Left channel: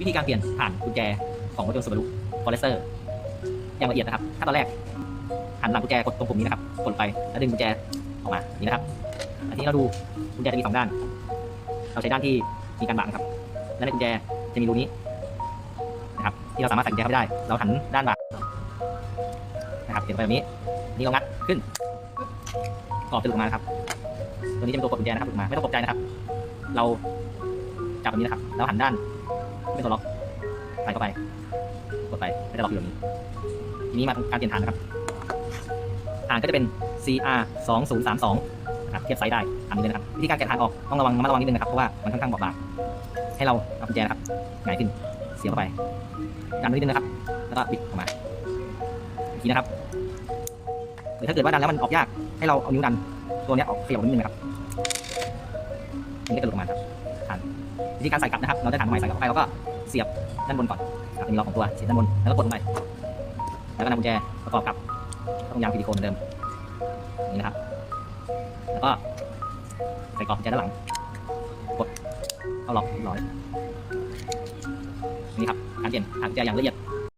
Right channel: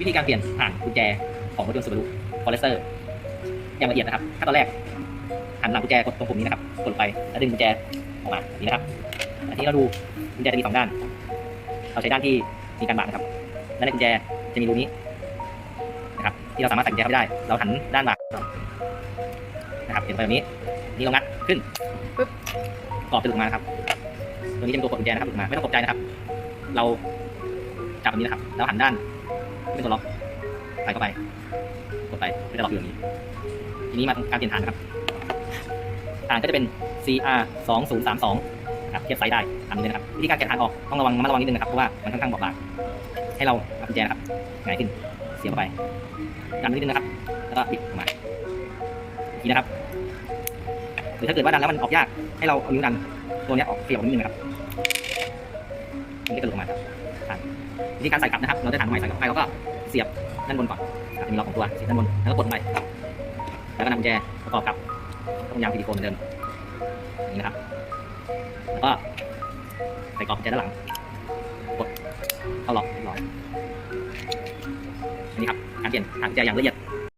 วิธีการเปลี่ยนผ่านกุญแจของรถยนต์ซูบารุฟอเรสเตอร์อย่างละเอียดนะครับขั้นตอนแรกหันหลังกุญแจกดตรงปุ่มนี้นะครับกดไปแล้วดึงกุญแจออกมาอย่างนี้นะครับอันนี้เราดูกุญแจจะมีสองด้าน เราใช้ด้านที่มีการบาดนะครับและในกุญแจจะมีรูนี้นะครับที่เราสามารถใส่กุญแจเข้าไปได้ เราหันด้านบาดนะครับเห็นไปแบบนี้นี่เรางัดขึ้นปึ๊บออกเป็นลูกมาครับตรงนี้จะเป็นตัวกดกุญแจนะครับลูกมาไม่ต้องตกใจนะครับ เราจับแบบนี้นะครับแล้วหันด้าน เป็นตัวล็อกใส่เข้าไปกดไปก็จะล็อกอยู่อย่างนี้ ทีนี้มาทำการเปลี่ยนฐานนะครับฐานก็จะเป็น CR 2032ครับเทียบไซส์ได้อันนี้เลยนะครับวิธีการแกะฐานออกต้องระวังระมัดระวังนิดนึงนะครับเพราะว่ามันค่อนข้างบอบบางให้เราเอากุญแจนะครับหงายขึ้นเสียบเข้าไปดันนิดนึงนะครับ แล้วก็บิดออกมาทีนะครับหรือถ้าเกิดว่าดันแล้วมันออกยากให้เราเอานิ้วดันตัวนี้ออกเสียบนิดนึงนะครับมันก็จะหลุดออกมาครับ วิธีการใส่กลับนะครับ เราได้ฐานใหม่ใส่กลับไปแล้วก็เสียบด้านบนก่อนจะมีล็อกของตัวเสียบด้านบนแล้วก็กดลงไปแล้วก็นำแจประกอบกับต้มยางซิลิโคนเหมือนเดิมอย่างนี้นะครับ แล้วก็ใส่กรอบแจด้านหลังกดเข้าล็อกเรียบร้อยนี่ครับการเปลี่ยนฐานแจอย่างละเอียด